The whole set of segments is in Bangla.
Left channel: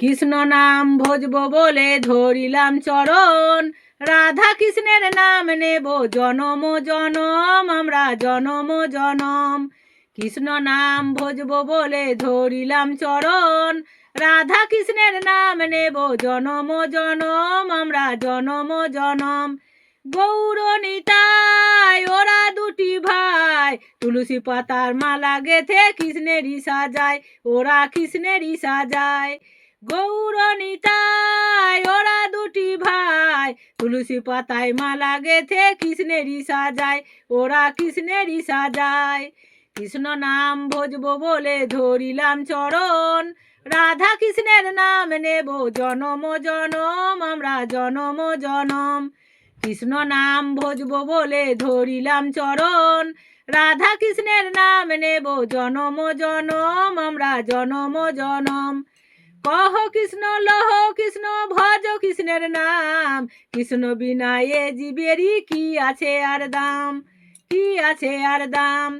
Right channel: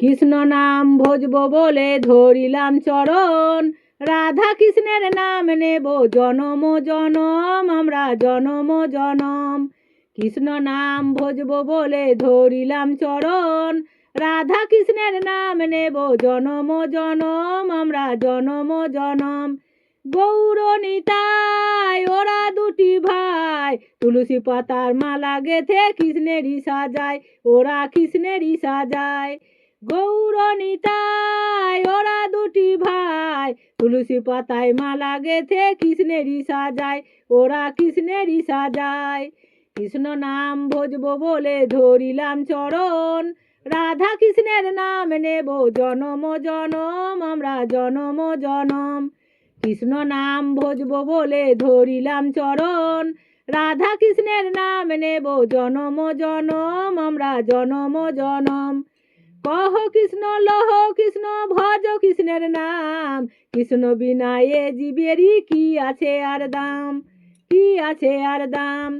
কৃষ্ণ নাম ভজব বলে ধরিলাম চরণ, রাধা কৃষ্ণের নাম নেব জনম জনম, আমরা জনম জনম। কৃষ্ণ নাম ভজব বলে ধরিলাম চরণ, রাধা কৃষ্ণের নাম নেব জনম জনম, আমরা জনম জনম। গৌর নিতাই ওরা দুটি ভাই, তুলসী পাতার মালা গেথে কৃষ্ণেরই সাজায়, ওরা কৃষ্ণেরই সাজায়। গৌর নিতাই ওরা দুটি ভাই, তুলসী পাতায় মালা গেথে কৃষ্ণেরই সাজায়, ওরা কৃষ্ণেরই সাজায়। কৃষ্ণ নাম ভজব বলে ধরিলাম চরণ, রাধা কৃষ্ণের নাম নেব জনম জনম, আমরা জনম জনম। কৃষ্ণ নাম ভজব বলে ধরিলাম চরণ, রাধা কৃষ্ণের নাম নেব জনম জনম, আমরা জনম জনম। কহ কৃষ্ণ লহ কৃষ্ণ ভজ কৃষ্ণের নাম, কৃষ্ণ বিনা এ জীবেরই কি আছে আর দাম, কি আছে আর দাম।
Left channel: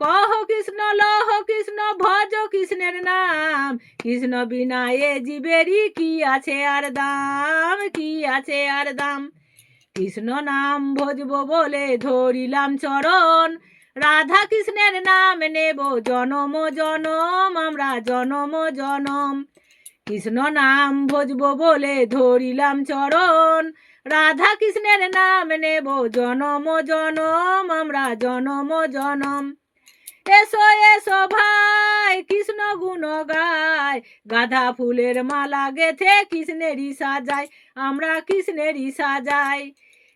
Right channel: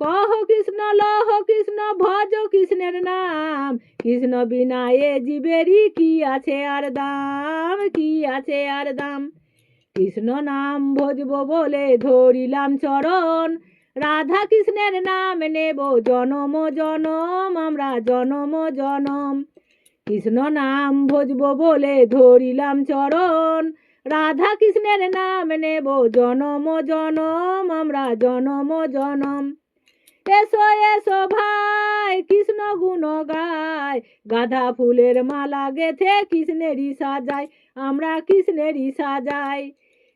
কহ কৃষ্ণ লহ কৃষ্ণ ভজ কৃষ্ণের নাম, কৃষ্ণ বিনা এ জীবেরই কি আছে আর দাম, কি আছে আর দাম। কৃষ্ণ নাম ভজব বলে ধরিলাম চরণ, রাধা কৃষ্ণের নাম নেব জনম জনম, আমরা জনম জনম। কৃষ্ণ নাম ভজব বলে ধরিলাম চরণ, রাধা কৃষ্ণের নাম নেব জনম জনম, আমরা জনম জনম। এসো এসো ভাই কৃষ্ণ গুণ গায়, গাঁদা ফুলের মালা গেথে কৃষ্ণেরই সাজায়, আমরা কৃষ্ণেরই সাজাই।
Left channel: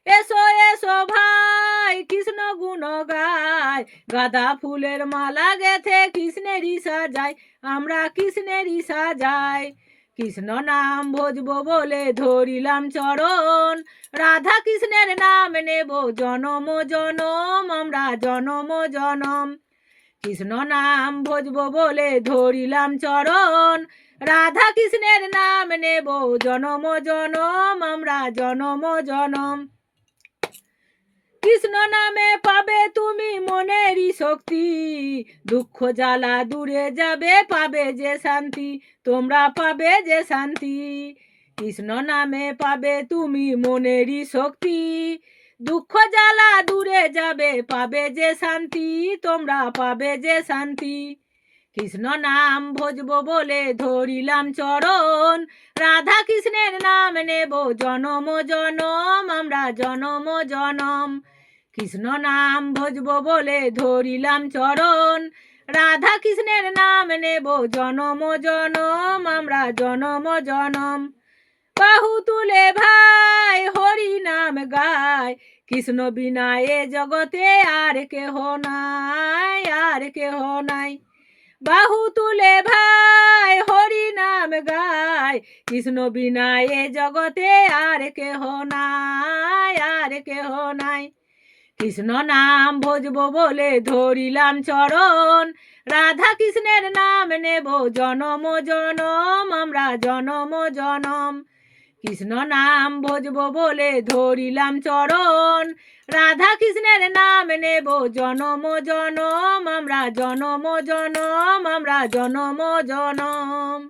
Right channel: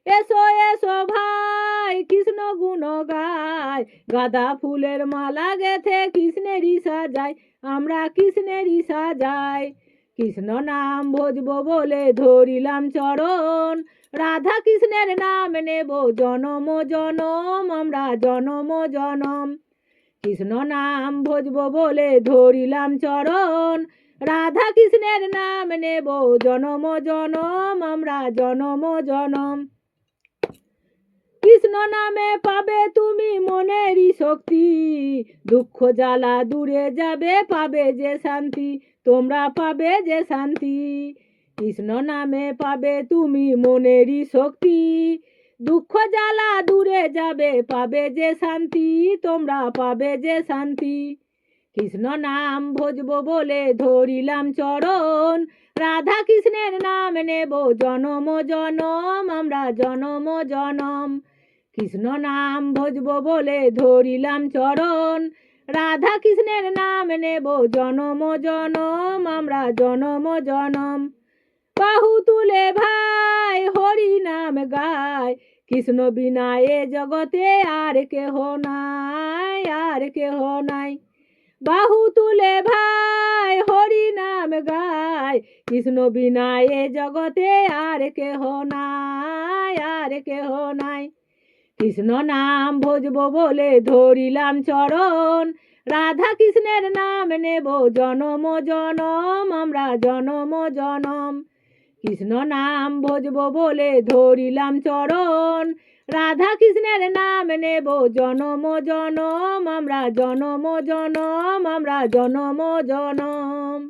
এসো এসো ভাই কৃষ্ণ গুণ গায়, গাঁদা ফুলের মালা গেথে কৃষ্ণেরই সাজায়, আমরা কৃষ্ণেরই সাজাই। কৃষ্ণ নাম ভজব বলে ধরিলাম চরণ, রাধা কৃষ্ণের নাম নেব জনম জনম, আমরা জনম জনম। কৃষ্ণ নাম ভজব বলে ধরিলাম চরণ, রাধা কৃষ্ণের নাম নেব জনম জনম, আমরা জনম জনম। কৃষ্ণ নামে পাবে তুমি মনেরই শক্তি, দুঃখ জ্বালা দূরে যাবে পাবে যে শান্তি, তোমরা পাবে যে শান্তি। কৃষ্ণ নামে পাবে তুমি মনেরই শক্তি, দুঃখ জ্বালা দূরে যাবে পাবে যে শান্তি, তোমরা পাবে যে শান্তি। কৃষ্ণ নাম ভজব বলে ধরিলাম চরণ, রাধা কৃষ্ণের নাম নেব জনম জনম, আমরা জনম জনম। কৃষ্ণ নাম ভজব বলে ধরিলাম চরণ, রাধা কৃষ্ণের নাম নেব জনম জনম, আমরা জনম জনম। বাহু তুলে ভাই হরি নাম গায়, কৃষ্ণ বিনা এ জগতে আর কেহ নাই, আর কেহ নাই। বাহু তুলে ভাই হরি নাম গায়, কৃষ্ণ বিনা এ জগতে আর কেহ নাই, আর কেহ নাই। কৃষ্ণ নাম ভজব বলে ধরিলাম চরণ, রাধা কৃষ্ণের নাম নেব জনম জনম, আমরা জনম জনম। কৃষ্ণ নাম ভজব বলে ধরিলাম চরণ, রাধা কৃষ্ণের নাম নেব জনম জনম, আমরা জনম জনম, আমরা জনম জনম।